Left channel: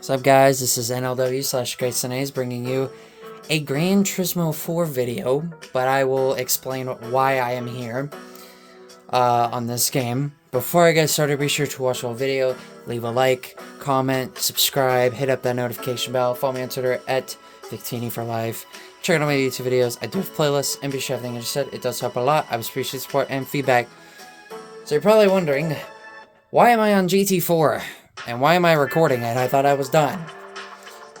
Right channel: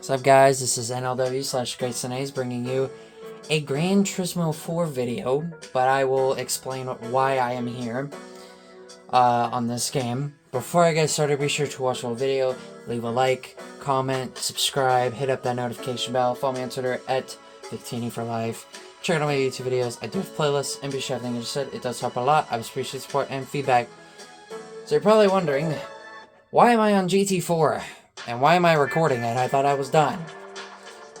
What's up, guys? This is NLW/GreatSenays bringing you a Gran Turismo 4 video, but I will explain why I am here on this game. Before I get started, be sure to watch the whole video, leave a like, comment, subscribe, hit up that notification bell, follow me on Twitter at Victini for life. Check out my YouTube videos. I do have playlists, and be sure everything I just said. It does help a lot. I appreciate support and feedback. So you're probably wondering, why am I on GT4? And why am I recording it? I thought I was done.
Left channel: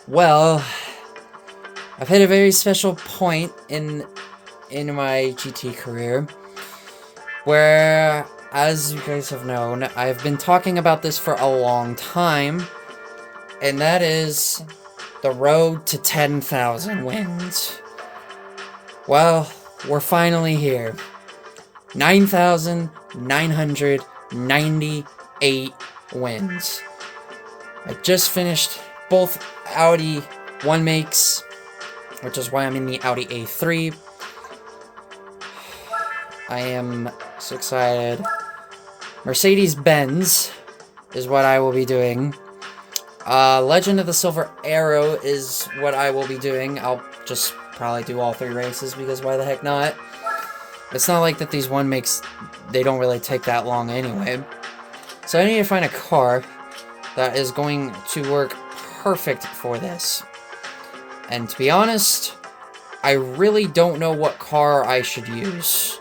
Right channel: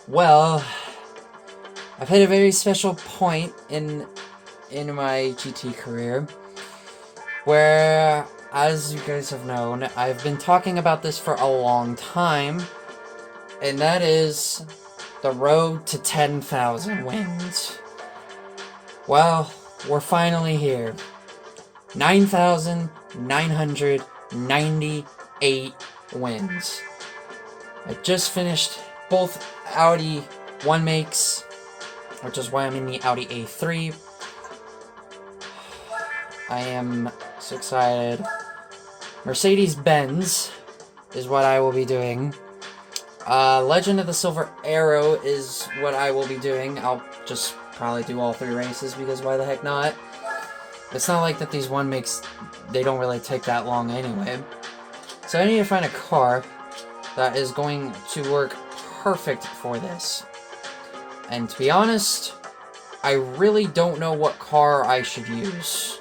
Well, I've hit a very special point in my GT career where, as you guys have known, I've been talking about this for a long time, and that is the road to 10,000 wins. Well, we're finally here. 9,998 wins. I just finished both Audi 1 makes, which is why I'm in the Audi A3. I am so excited. Mercedes-Benz is what I will be doing. Legend of the Silver Arrow is what I will be doing. I'll just probably do all 3 races because why the heck not? It's not like that these 1 makes, they don't really take that long anyway. So I need to find a car that is going to work perfect for this. And to be honest, I really don't know what car I should use.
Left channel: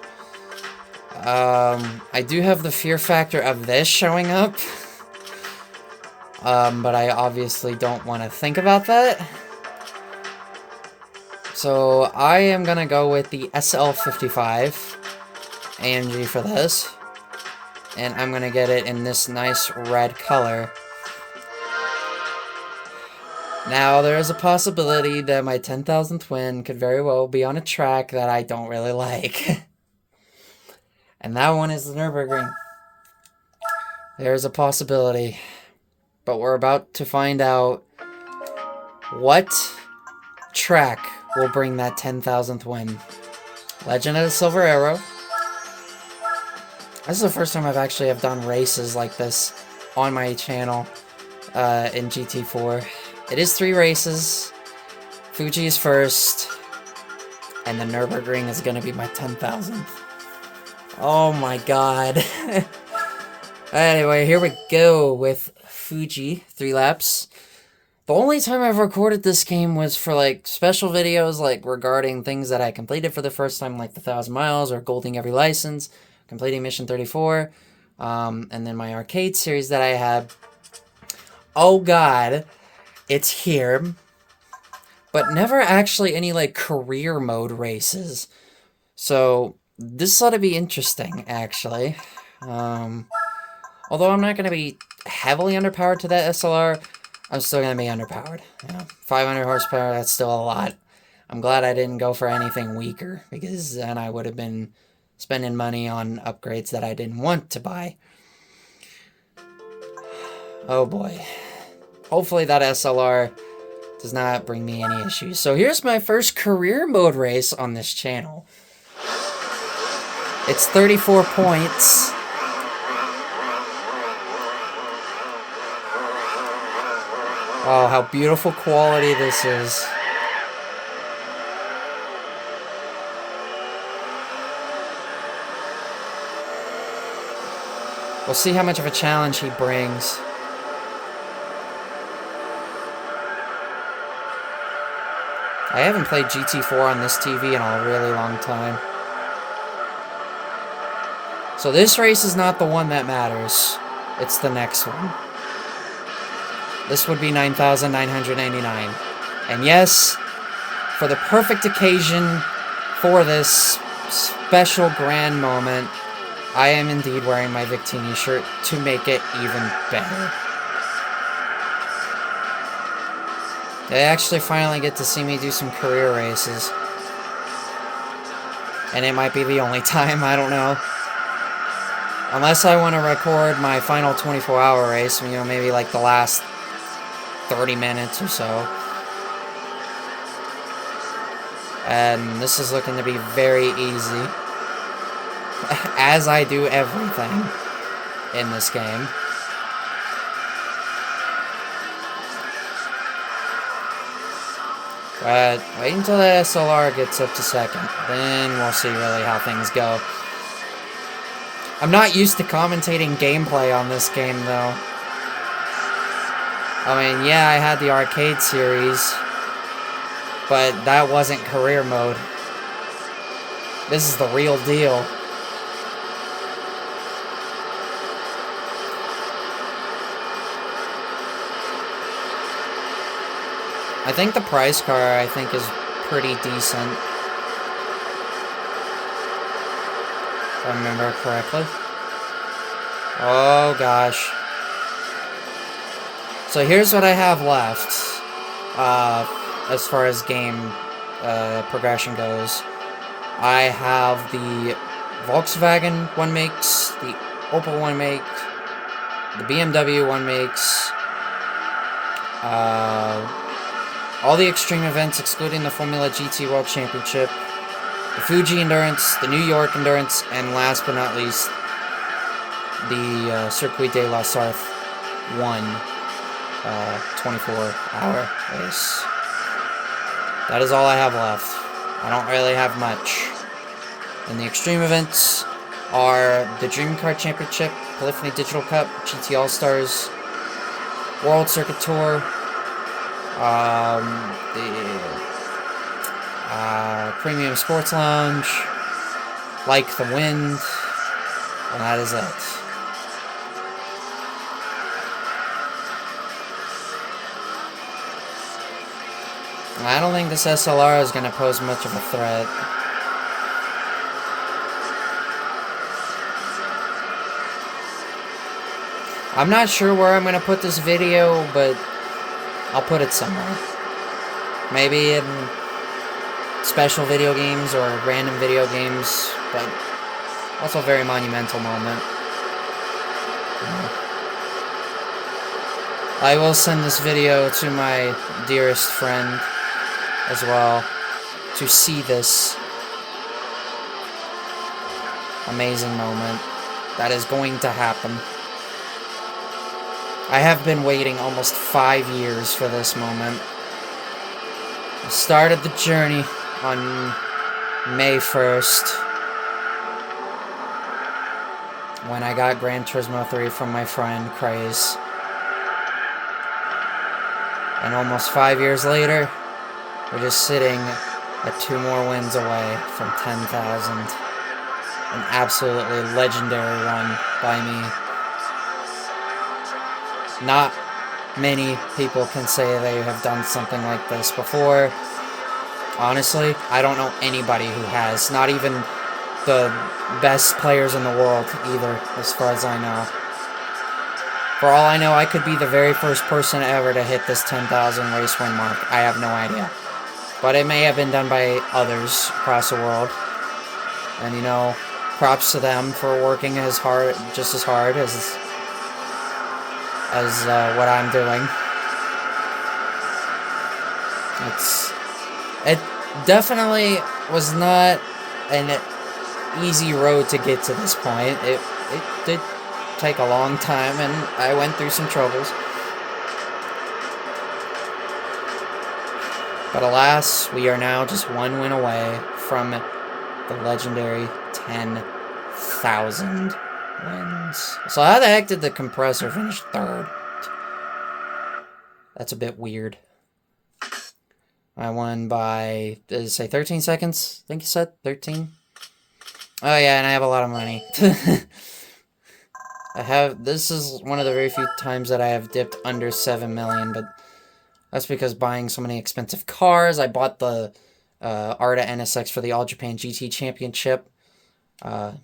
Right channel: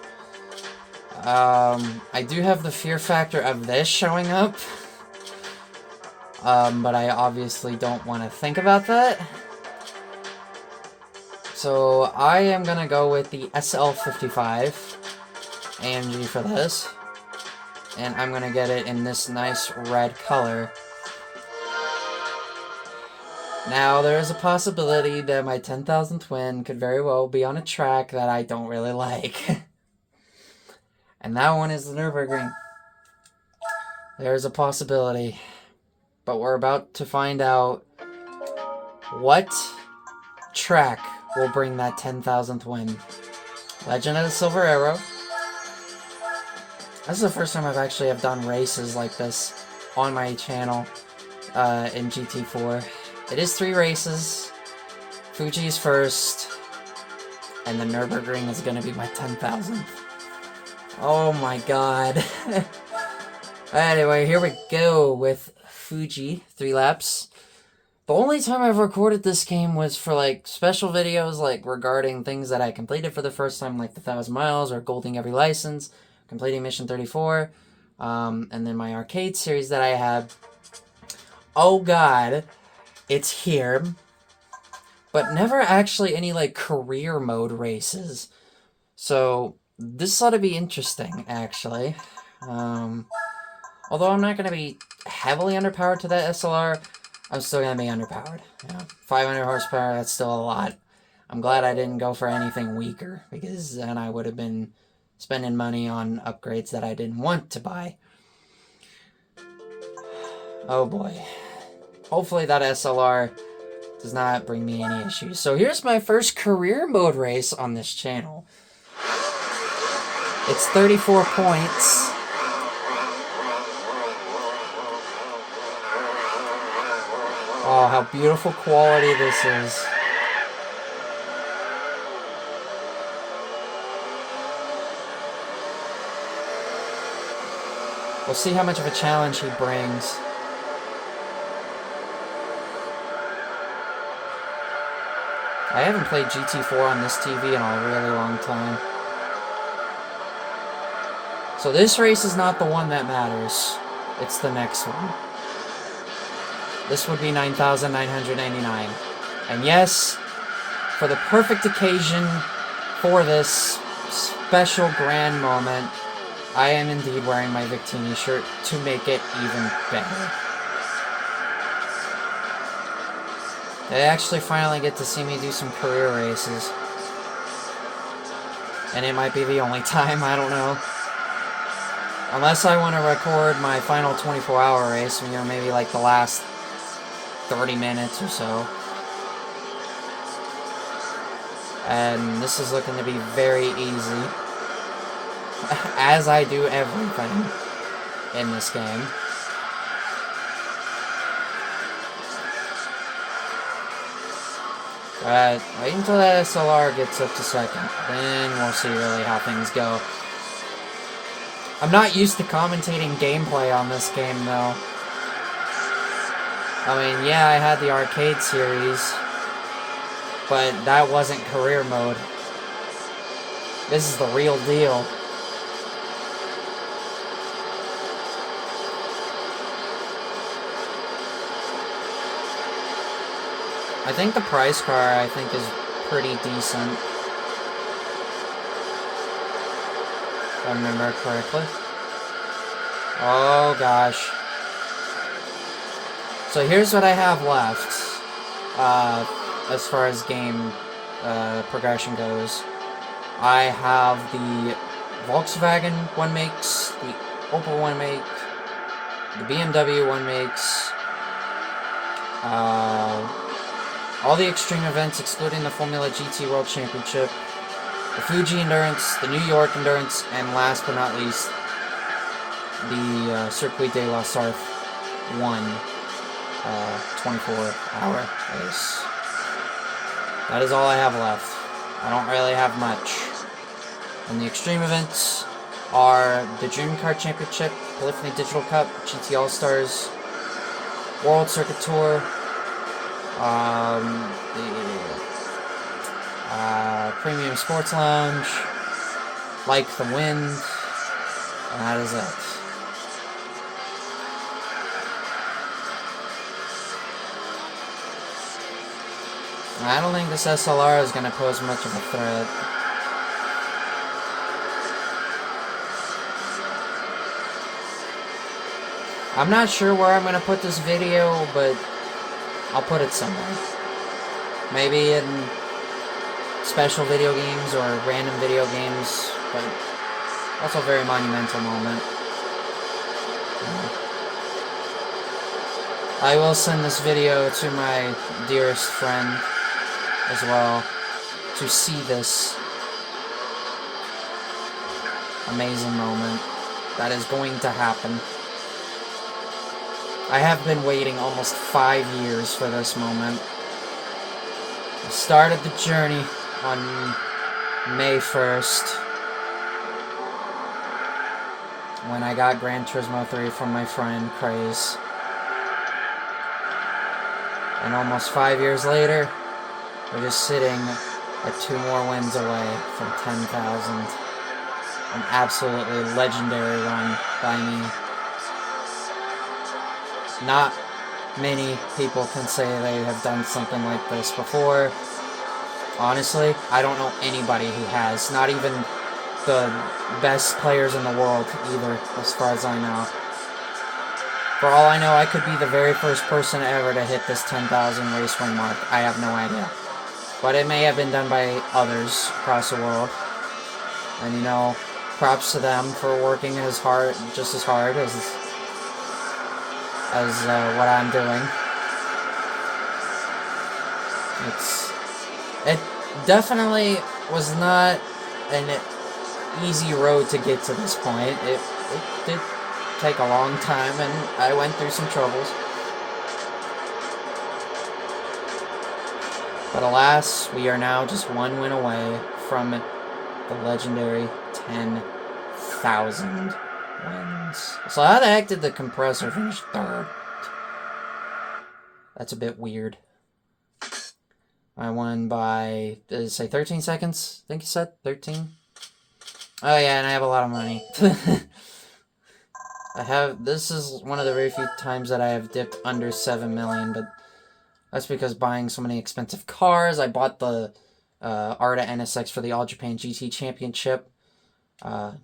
I do have the fear factor of this showing up. But I obviously don't want to think about that. So I am gonna go with the SL55 AMG for this. And I'm gonna get it in this nice red color. Now, there is a possibility that my 10,000th win could very well be on a track that I don't really like. And that one is the Nürburgring. There is a possibility. But we're about to find out what track will bring that 10,000th win. Legend of the Silver Arrow. This is the first time I've actually done races like this on my channel in GT4. It is 3 races. Fuji is first. And the Nürburgring is going to be my 10,000th. Oh my god. Anyway, here we go with Fuji. 3 laps. The only time I've recorded this game was for, like, special videos, like, regarding things that I completed for the first time, like the 1,000 miles, or golding every license, completing Mission 34, and then my arcade series that I had. Oh god, it's here. But never actually any, like, career mode races. So, this ought to be interesting, actually. Although I'm not going to be heavily underpowered to that SLR, I'm still going to be underpowered. You know, 500 horsepower, that's still a lot. I'm glad I didn't go for anything weaker, because then I would have been spending money on upgrades that I didn't want to buy. Oh boy. Hopefully that SLR does not bring me any issues. So here's my first career mode race on this channel. It's 34 points. Oh, how beautiful quality this is. We'll see how much of a challenge he brings. I haven't played GT4 on this TV in a really long time. So this race is not the one that matters. It's the next one. This would be 9,989. And yes, for the perfect occasion for this special grand moment, I am indeed wearing my Victini shirt to make it even better. They actually finally get to see me do some career races. And it might be the only time, I don't know. Unless I want to record my final 24-hour race, you know, maybe like the last 30 minutes or so. And this is looking to be very easy. As I do everything in this game. But wait until the SLR gets up to second. Then we'll see really how things go. I'm not used to commentating gameplay on this game, though. I mean, yeah, I had the arcade series, but that wasn't career mode. This is the real deal. I think the prize car, I think, is pretty decent. If I remember correctly. Oh, gosh. So here's what I have left. As far as game progression goes. I have the Volkswagen one makes, the Opel one make, the BMW one makes, all the extreme events excluding the Formula GT World Championship, the Fuji Endurance, the New York Endurance, and last but not least, the Circuit de la Sarthe 1 24-hour race. That is all I have left. I don't really have much. And the extreme events are the Dream Car Championship, Polyphony Digital Cup, GT All-Stars, World Circuit Tour, the Premium Sports Lounge, Like the Wind, and that is it. I don't think this SLR is going to pose much of a threat. I'm not sure where I'm going to put this video, but I'll put it somewhere. Maybe in special video games or random video games, but that's a very monumental moment. I will send this video to my dearest friend as well to see this amazing moment that is going to happen. I have been waiting almost 5 years for this moment. I started the journey on May 1st when I got Gran Turismo 3 from my friend Craze. And almost 5 years later, we're just sitting at 2 more wins away from 10,000. An absolutely legendary one by me. Not many people can say they have done something like this before. Honestly, I don't know anybody who has. Not even the best players in the world either, as far as I know. For all I know, I could be the very first person ever to hit this 10,000 race win mark. I have no idea. But it may have been done by others across the world. And, you know, props to them for working just as hard as what I'm doing. It definitely was not an easy road to get to this point. It did take a long time, and I went through some troubles. But alas, we are now just 1 win away from the legendary 10,000 wins. So how the heck did the compressor finish third? That's a bit weird. I won by, did it say 13 seconds? I think you said 13. Oh yeah, and I have a lot of money. This is one of the very few times that I have dipped under 7 million, but that's because buying so many expensive cars. I bought the Arta NSX for the All Japan GT Championship 2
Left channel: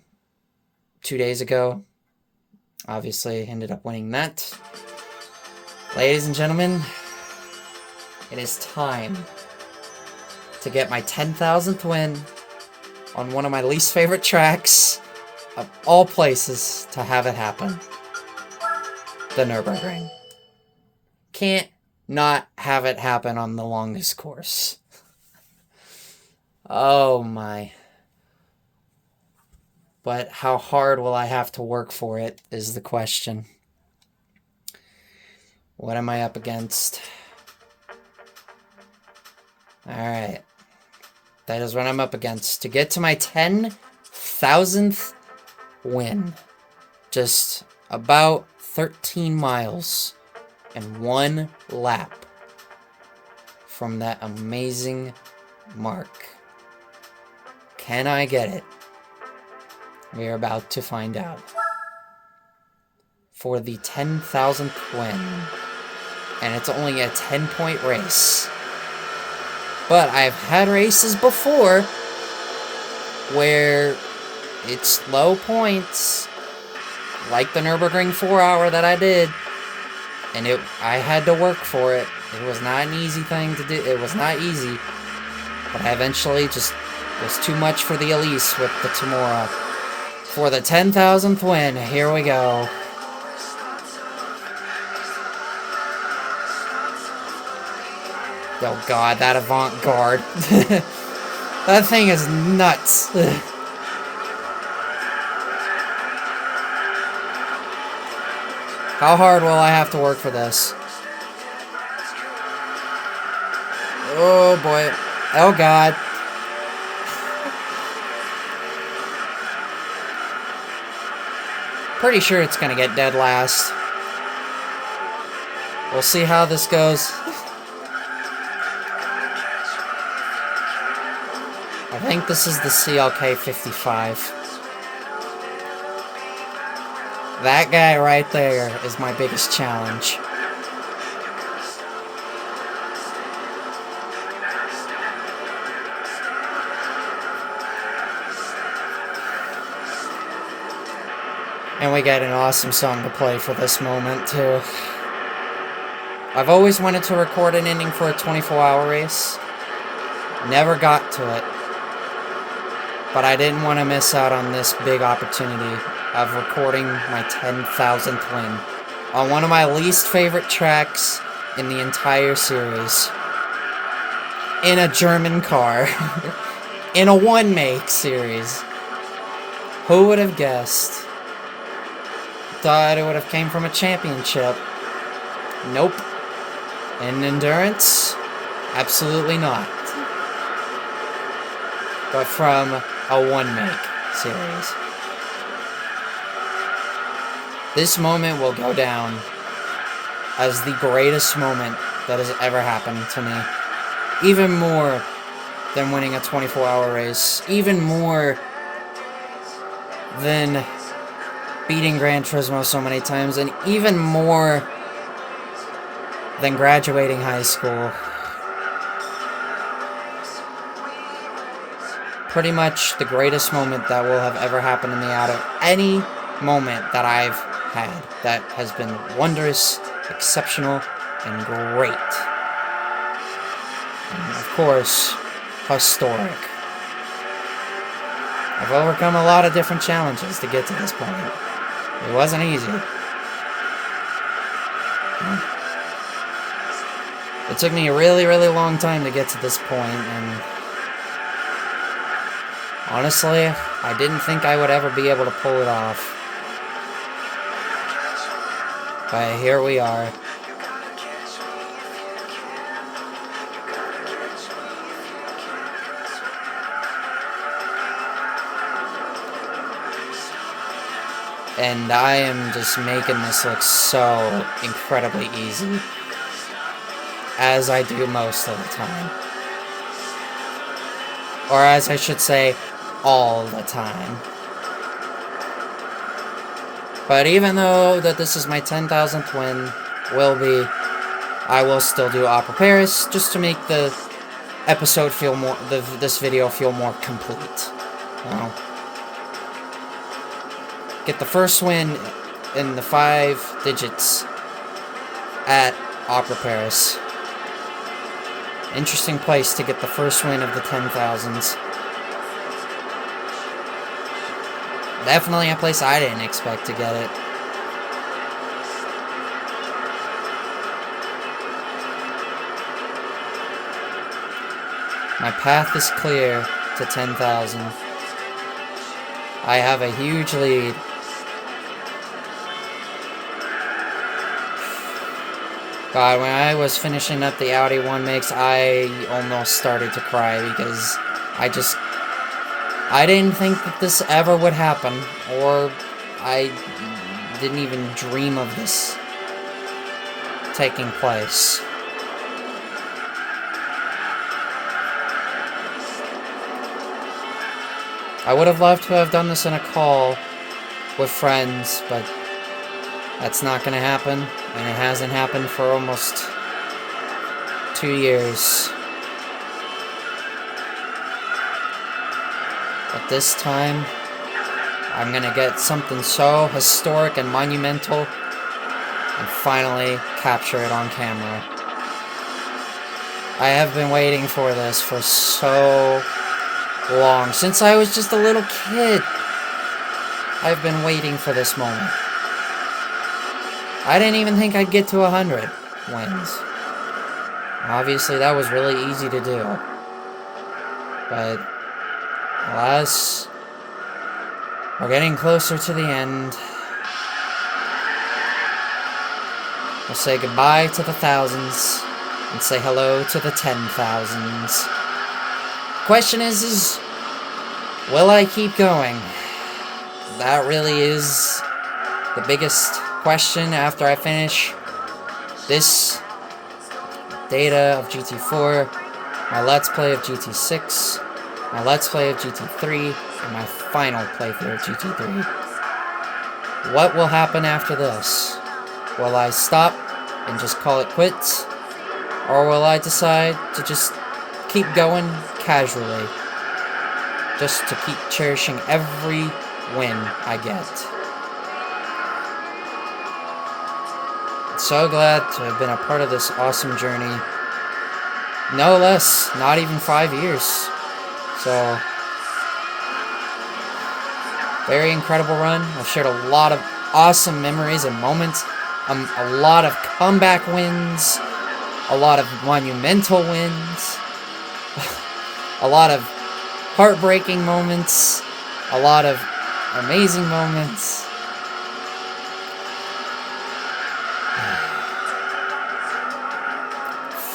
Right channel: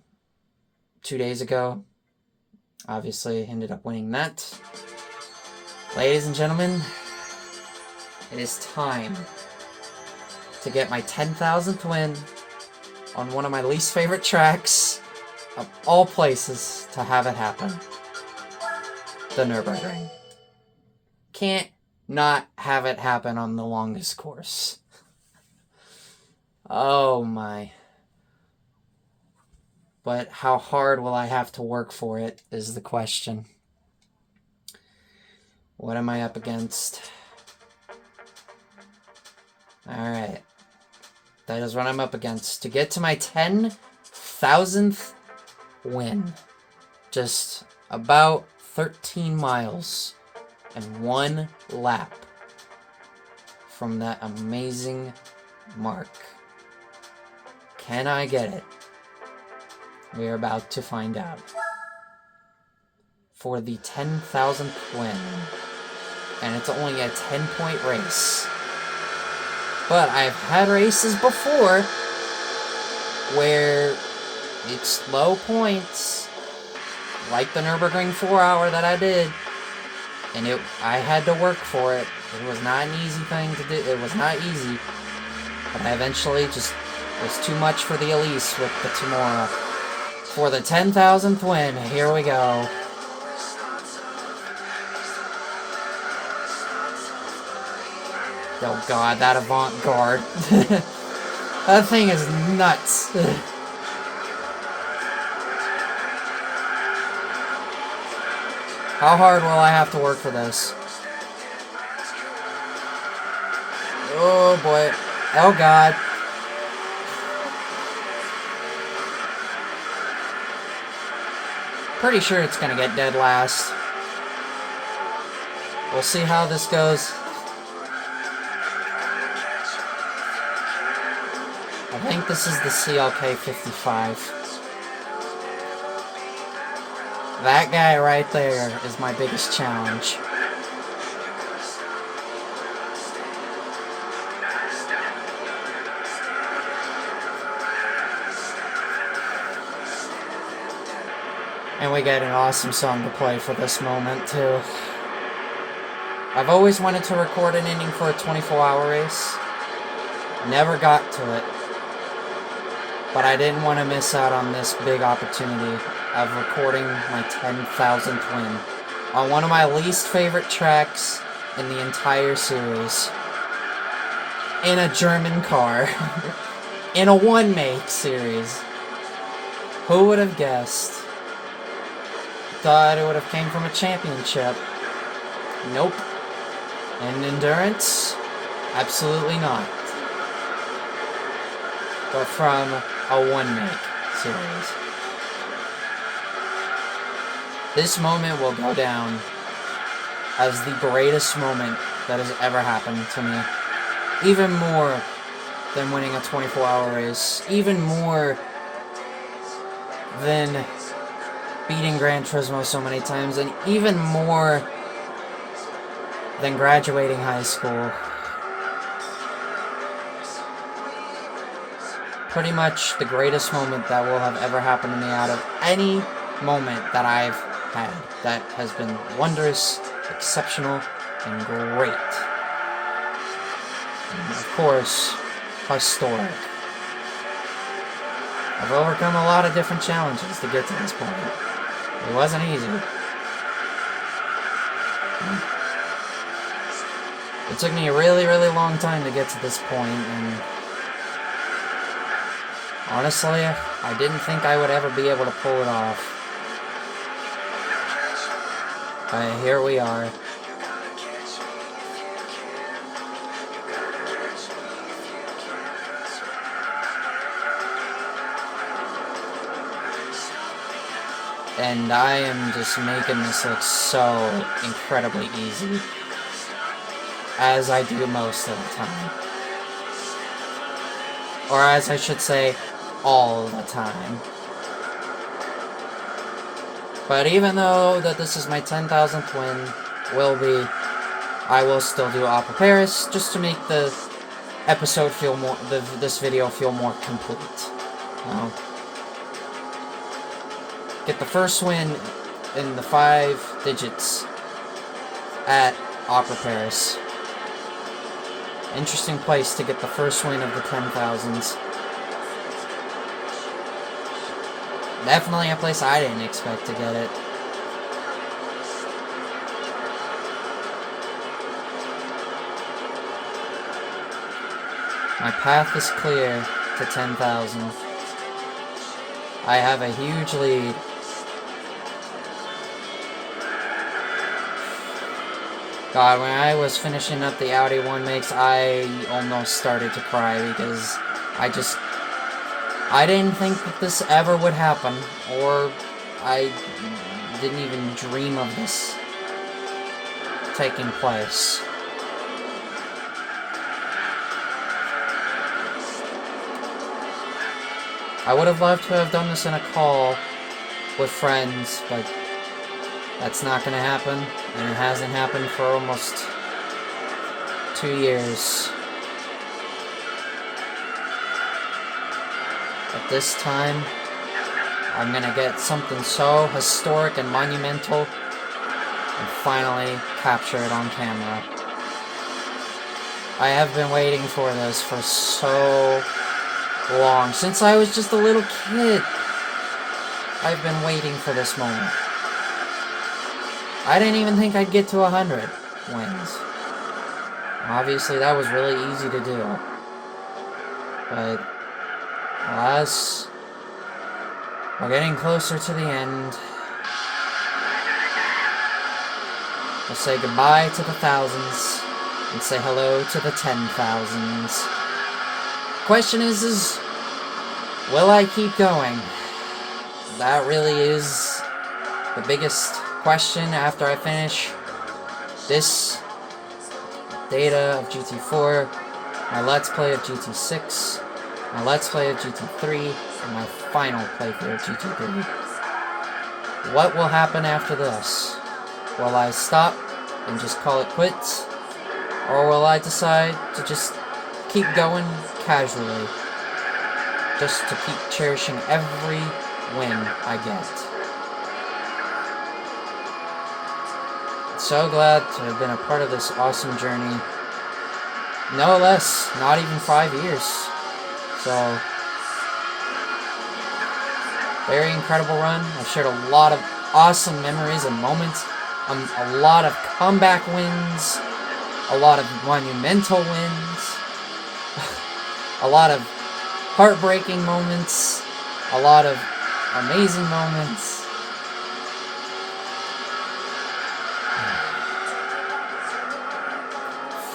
days ago. Obviously, ended up winning that. Ladies and gentlemen, it is time to get my 10,000th win on one of my least favorite tracks of all places to have it happen. The Nürburgring. Can't not have it happen on the longest course. Oh my. But how hard will I have to work for it is the question. What am I up against? Alright. That is what I'm up against. To get to my 10,000th win. Just about 13 miles and 1 lap from that amazing mark. Can I get it? We are about to find out. For the 10,000th win. And it's only a 10-point race. But I've had races before where it's low points, like the Nürburgring 4-hour that I did, and I had to work for it. It was not an easy thing to do. It was not easy, but I eventually just, it was too much for the Elise with the Tomorrow. For the 10,000th win, here we go. Oh god, that avant-garde. That thing is nuts. How hard will I have to work for this? Oh boy. Oh god. Pretty sure it's gonna get dead last. We'll see how this goes. I think this is the CLK 55. That guy right there is my biggest challenge. And we got an awesome song to play for this moment, too. I've always wanted to record an ending for a 24-hour race. Never got to it. But I didn't want to miss out on this big opportunity of recording my 10,000th win on one of my least favorite tracks in the entire series. In a German car. In a one-make series. Who would have guessed? Thought it would have came from a championship. Nope. In endurance? Absolutely not. But from a one-make series. This moment will go down as the greatest moment that has ever happened to me. Even more than winning a 24-hour race. Even more than beating Gran Turismo so many times. And even more than graduating high school. Pretty much the greatest moment that will have ever happened to me out of any moment that I've had that has been wondrous, exceptional, and great. And of course, historic. I've overcome a lot of different challenges to get to this point. It wasn't easy. It took me a really, really long time to get to this point, and honestly, I didn't think I would ever be able to pull it off. But here we are. And I am just making this look so incredibly easy. As I do most of the time. Or as I should say, all the time. But even though that this is my 10,000th win, I will still do Opera Paris, just to make the episode feel more, this video feel more complete. Get the first win in the 5 digits at Opera Paris. Interesting place to get the first win of the 10,000s. Definitely a place I didn't expect to get it. My path is clear to 10,000. I have a huge lead. God, when I was finishing up the Audi 1 mix, I almost started to cry because I didn't think that this ever would happen, or I didn't even dream of this taking place. I would have loved to have done this in a call with friends, but that's not going to happen, and it hasn't happened for almost 2 years. But this time, I'm going to get something so historic and monumental and finally capture it on camera. I have been waiting for this for so long. Since I was just a little kid, I've been waiting for this moment. I didn't even think I'd get to 100 wins. Obviously, that was really easy to do. But, alas, we're getting closer to the end. We'll say goodbye to the thousands and say hello to the 10,000s. Question is, will I keep going? That really is the biggest question after I finish this data of GT4, my Let's Play of GT6, my Let's Play of GT3, and my final playthrough of GT3. What will happen after this? Will I stop and just call it quits? Or will I decide to just keep going casually? Just to keep cherishing every win I get. So glad to have been a part of this awesome journey. No less, not even 5 years. So, very incredible run. I've shared a lot of awesome memories and moments. A lot of comeback wins. A lot of monumental wins. A lot of heartbreaking moments. A lot of amazing moments.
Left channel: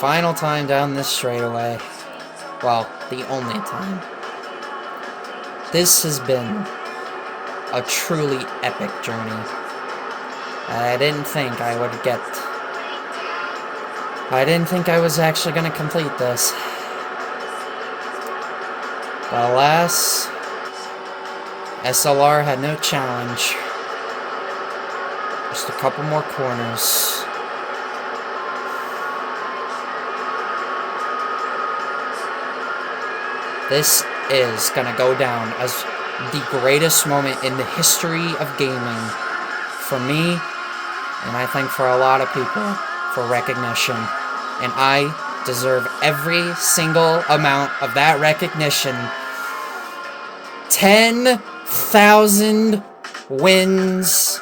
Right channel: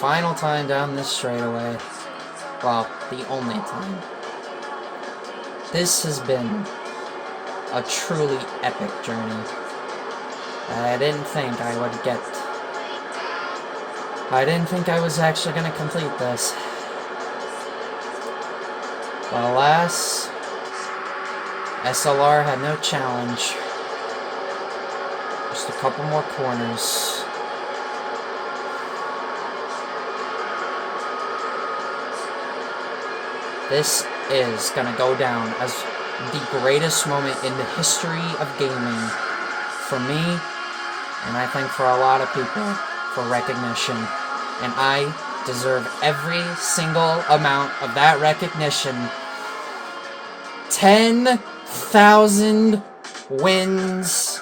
Final time down this straightaway. Well, the only time. This has been a truly epic journey. I didn't think I would get. I didn't think I was actually going to complete this. But alas, SLR had no challenge. Just a couple more corners. This is gonna go down as the greatest moment in the history of gaming for me, and I think for a lot of people, for recognition. And I deserve every single amount of that recognition. 10,000 wins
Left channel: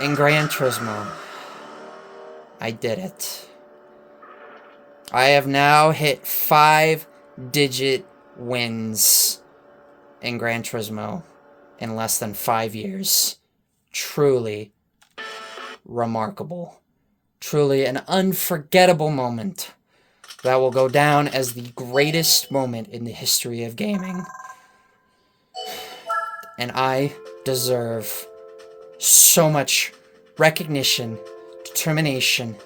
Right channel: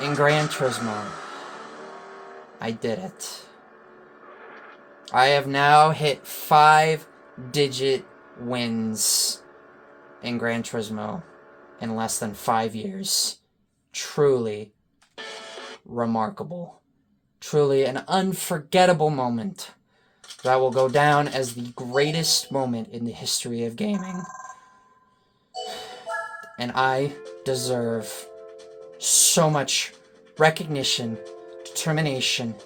in Gran Turismo. I did it. I have now hit 5-digit wins in Gran Turismo in less than 5 years. Truly remarkable. Truly an unforgettable moment that will go down as the greatest moment in the history of gaming. And I deserve so much recognition, determination,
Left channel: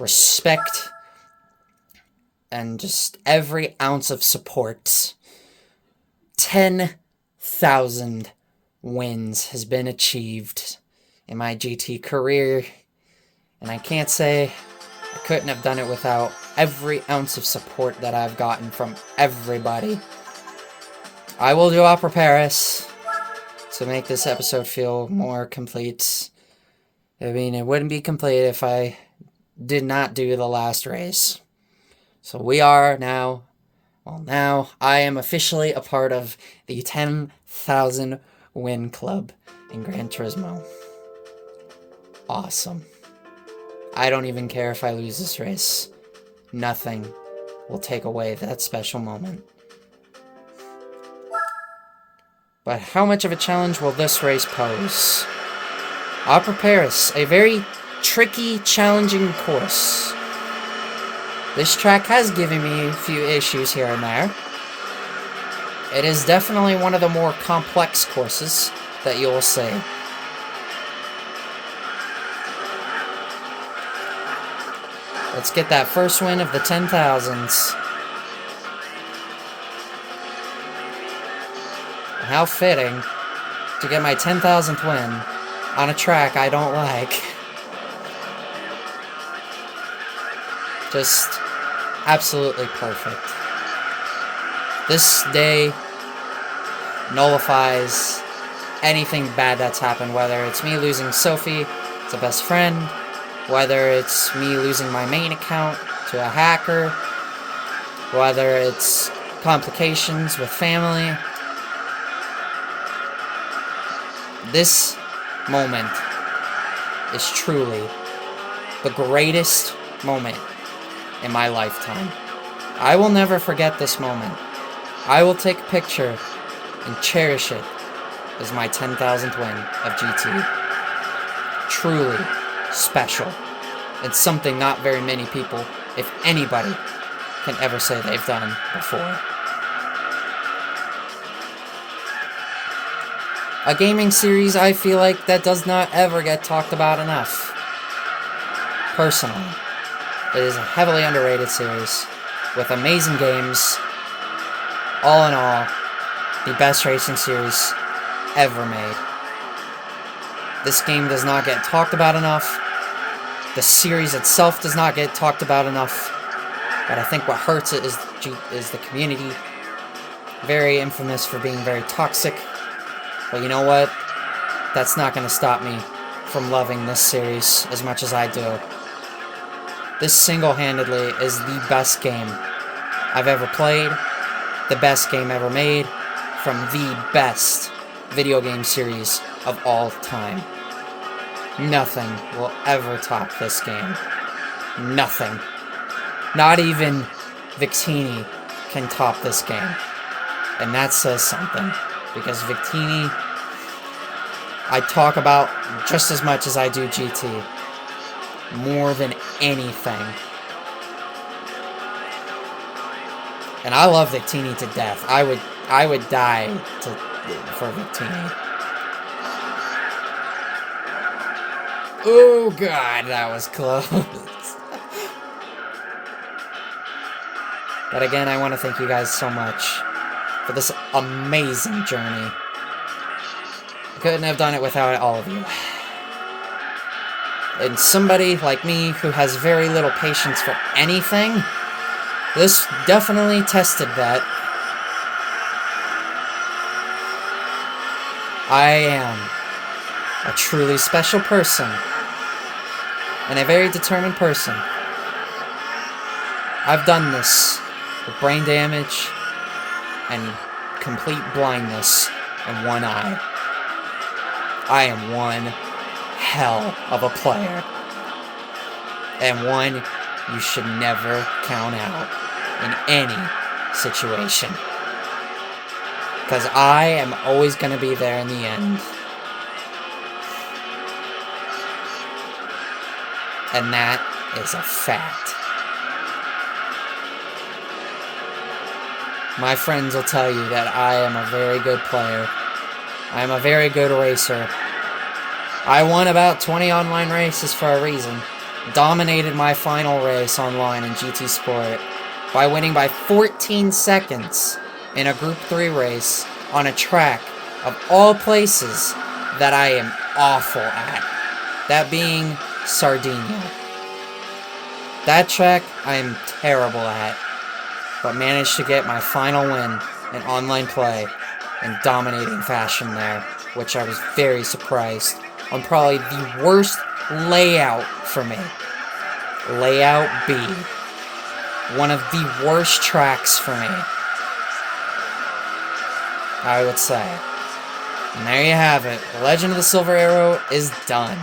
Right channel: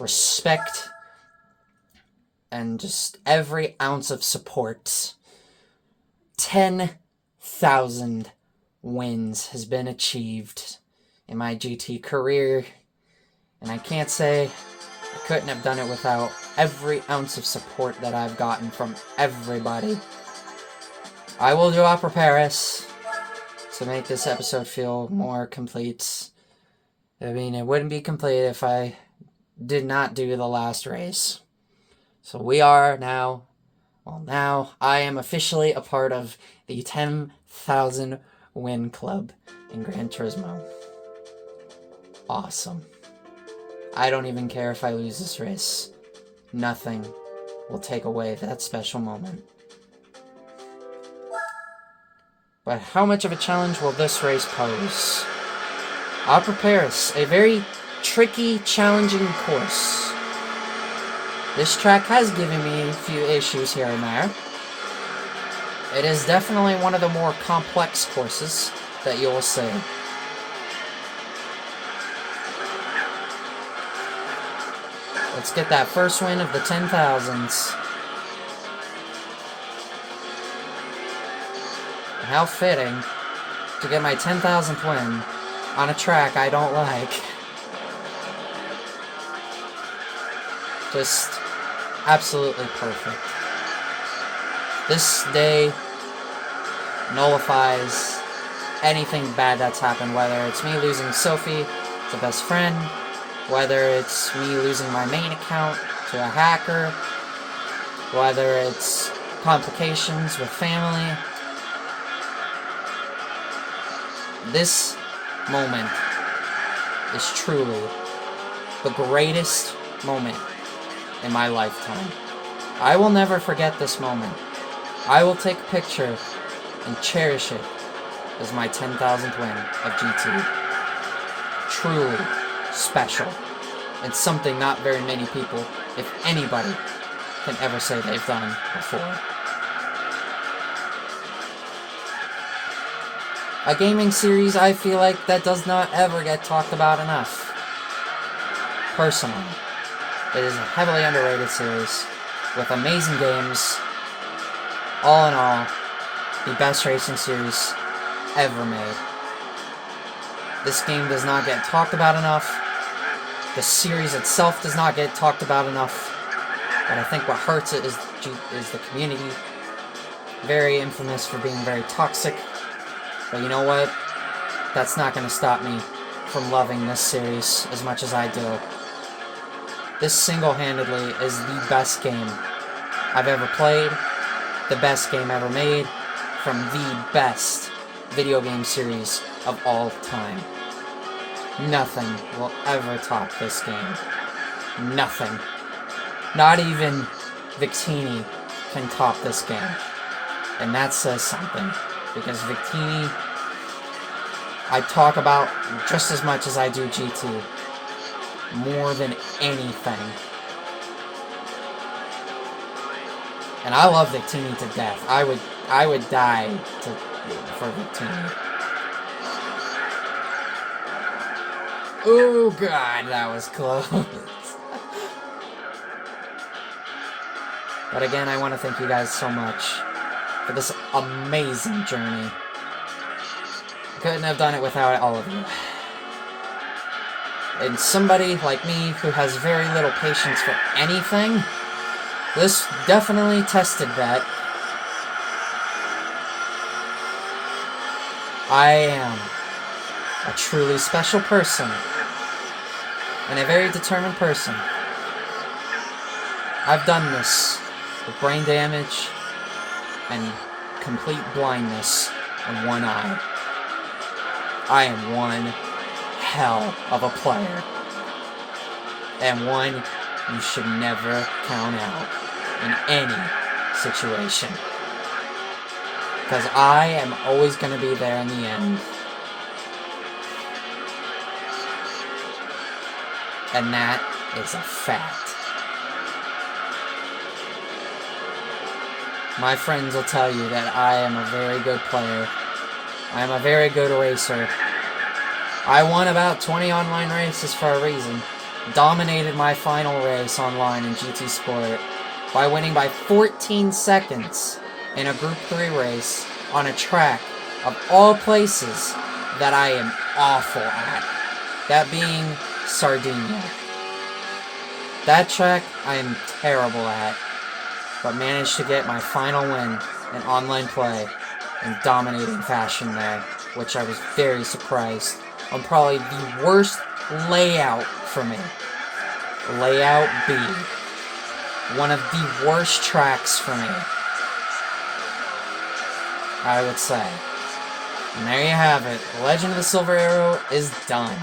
respect, and just every ounce of support. 10,000 wins has been achieved in my GT career, and I can't say I couldn't have done it without every ounce of support that I've gotten from everybody. I will do Opera Paris to make this episode feel more complete. I mean, it wouldn't be complete if I did not do the last race. So we are now, well, now I am officially a part of the 10,000 win club in Gran Turismo. Awesome. I don't even care if I lose this race. Nothing will take away that special moment. But how much of a challenge will this race pose? Opera Paris, a very tricky, challenging course. This track has given me a few issues here and there. It is definitely one of the more complex courses that you'll see. Let's get that first win of the 10,000s. How fitting to get my 10,000th win on a track I don't like. Just absolutely perfect. This day nullifies anything bad that's happened, whether it's me losing Sophie to best friend, whether it's me losing my main account to a hacker, whether it's complications with family. This moment is truly the greatest moment in my lifetime. I will never forget this moment. I will take a picture and cherish it as my 10,000th win of GT. Truly special. It's something not very many people, if anybody, can ever say they've done before. A gaming series I feel like that does not ever get talked about enough. Personally, it is a heavily underrated series with amazing games. All in all, the best racing series ever made. This game does not get talked about enough. The series itself does not get talked about enough. But I think what hurts it is the community. Very infamous for being very toxic. But you know what? That's not going to stop me from loving this series as much as I do. This single-handedly is the best game I've ever played, the best game ever made, from the best video game series of all time. Nothing will ever top this game. Nothing. Not even Victini can top this game. And that says something. Because Victini, I talk about just as much as I do GT. More than anything. And I love Victini to death. I would die for Victini. Oh god, that was close. But again, I want to thank you guys so much for this amazing journey. I couldn't have done it without all of you. And somebody like me who has very little patience for anything, this definitely tested that. I am a truly special person, and a very determined person. I've done this with brain damage and complete blindness in one eye. I am one hell of a player, and one you should never count out in any situation, because I am always going to be there in the end. And that is a fact. My friends will tell you that I am a very good player. I am a very good racer. I won about 20 online races for a reason. Dominated my final race online in GT Sport by winning by 14 seconds in a Group 3 race on a track of all places that I am awful at. That being Sardinia. That track I am terrible at, but managed to get my final win in online play in dominating fashion there, which I was very surprised on probably the worst layout for me. Layout B. One of the worst tracks for me, I would say. And there you have it. Legend of the Silver Arrow is done.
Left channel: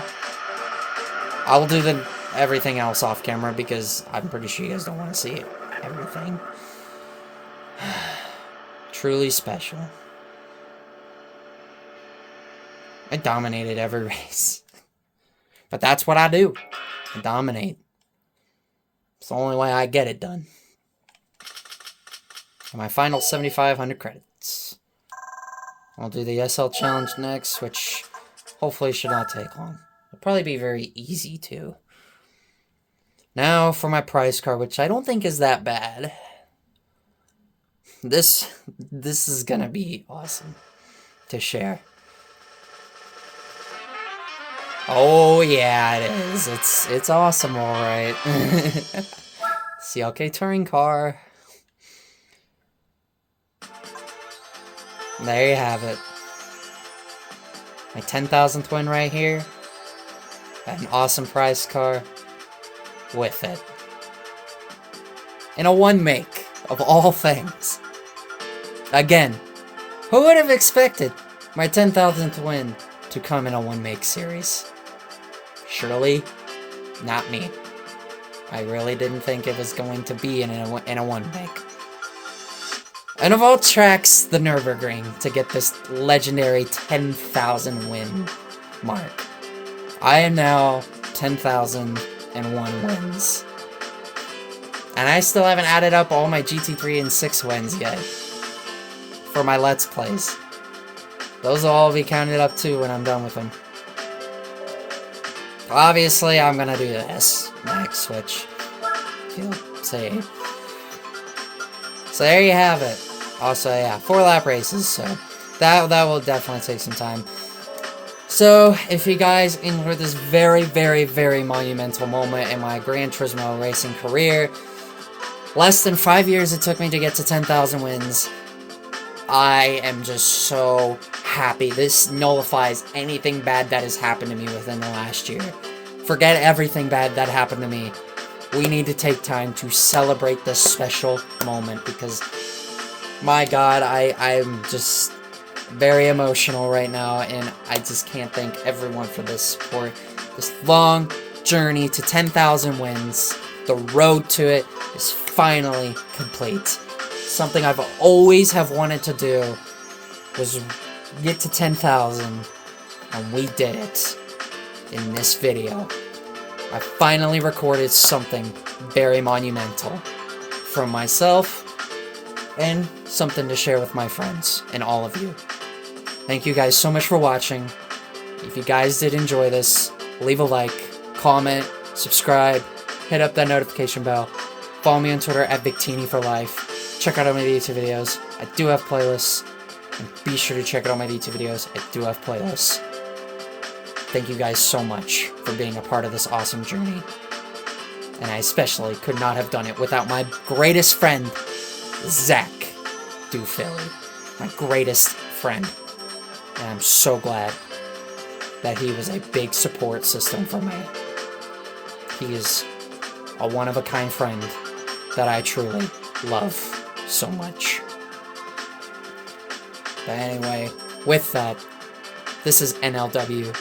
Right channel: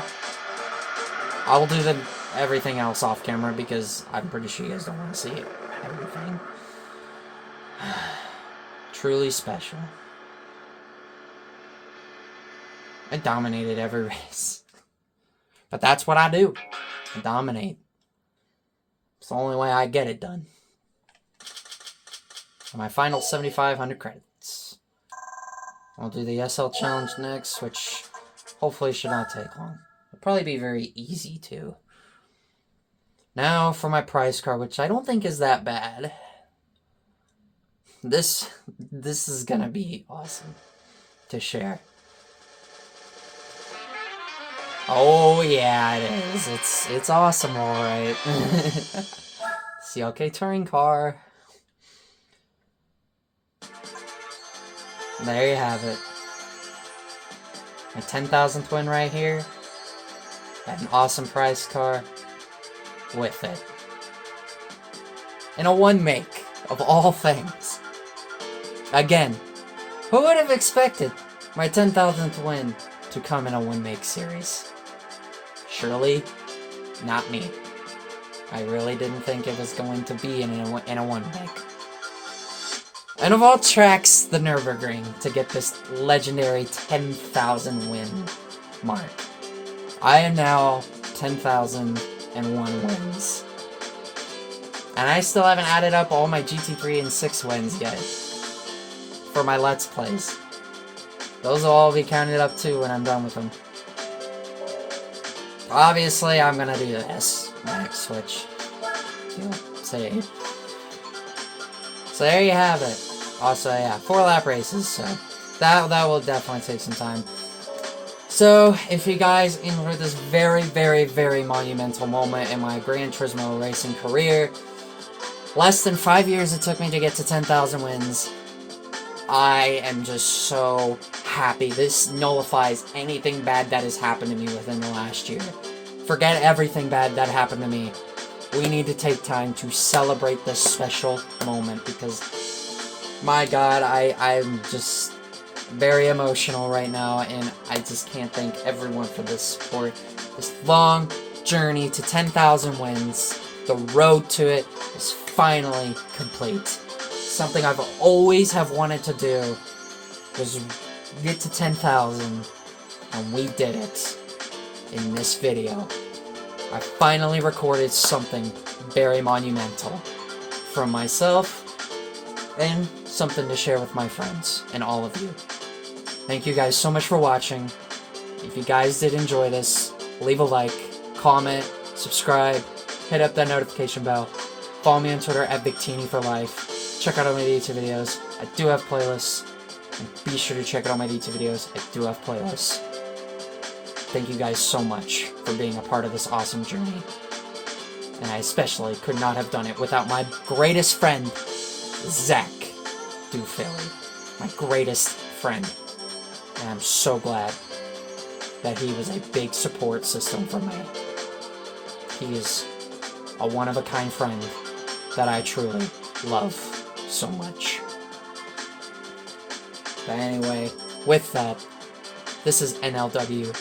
I will do everything else off camera because I'm pretty sure you guys don't want to see everything. Truly special. I dominated every race. But that's what I do. I dominate. It's the only way I get it done. And my final 7,500 credits. I'll do the SL challenge next, which hopefully should not take long. It'll probably be very easy too. Now for my prize card, which I don't think is that bad. This is gonna be awesome to share. Oh yeah, it is. It's awesome, all right. CLK touring car. There you have it. My 10,000th win right here. An awesome prize car with it. In a one make, of all things. Again, who would have expected my 10,000th win to come in a one make series? Surely, not me. I really didn't think it was going to be in a one make. And of all tracks, the Nürburgring to get this legendary 10,000 win mark. I am now 10,001 wins. And I still haven't added up all my GT3 and 6 wins yet. For my Let's Plays. Those will all be counted up too when I'm done with them. Obviously, I'm gonna do this next, which you'll see. So there you have it. Also, yeah, 4-lap races, so that will definitely take some time. So, if you guys enjoyed this very, very, very monumental moment in my Gran Turismo racing career, less than 5 years it took me to get to 10,000 wins. I am just so happy. This nullifies anything bad that has happened to me within the last year. Forget everything bad that happened to me. We need to take time to celebrate this special moment because, my God, I'm just very emotional right now, and I just can't thank everyone for this support. This long journey to 10,000 wins, the road to it is finally complete. Something I've always have wanted to do was get to 10,000, and we did it in this video. I finally recorded something very monumental from myself and something to share with my friends and all of you. Thank you guys so much for watching. If you guys did enjoy this, leave a like, comment, subscribe, hit up that notification bell, follow me on Twitter at Victini for life, check out all my YouTube videos. I do have playlists, and be sure to check out all my YouTube videos. I do have playlists. Thank you guys so much for being a part of this awesome journey. And I especially could not have done it without my greatest friend, Zach Dufilly. My greatest friend. And I'm so glad that he was a big support system for me. He is a one-of-a-kind friend that I truly love so much. But anyway, with that, this is NLW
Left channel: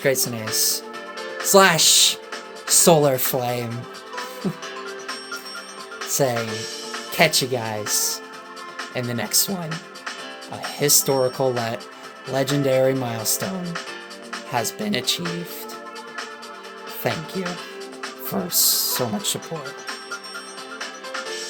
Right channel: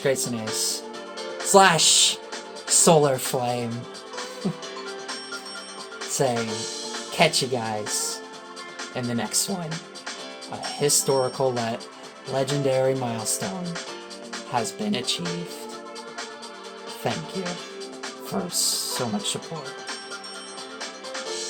/ Grayson Ace / Solar Flame saying, catch you guys in the next one. A historical legendary milestone has been achieved. Thank you for so much support.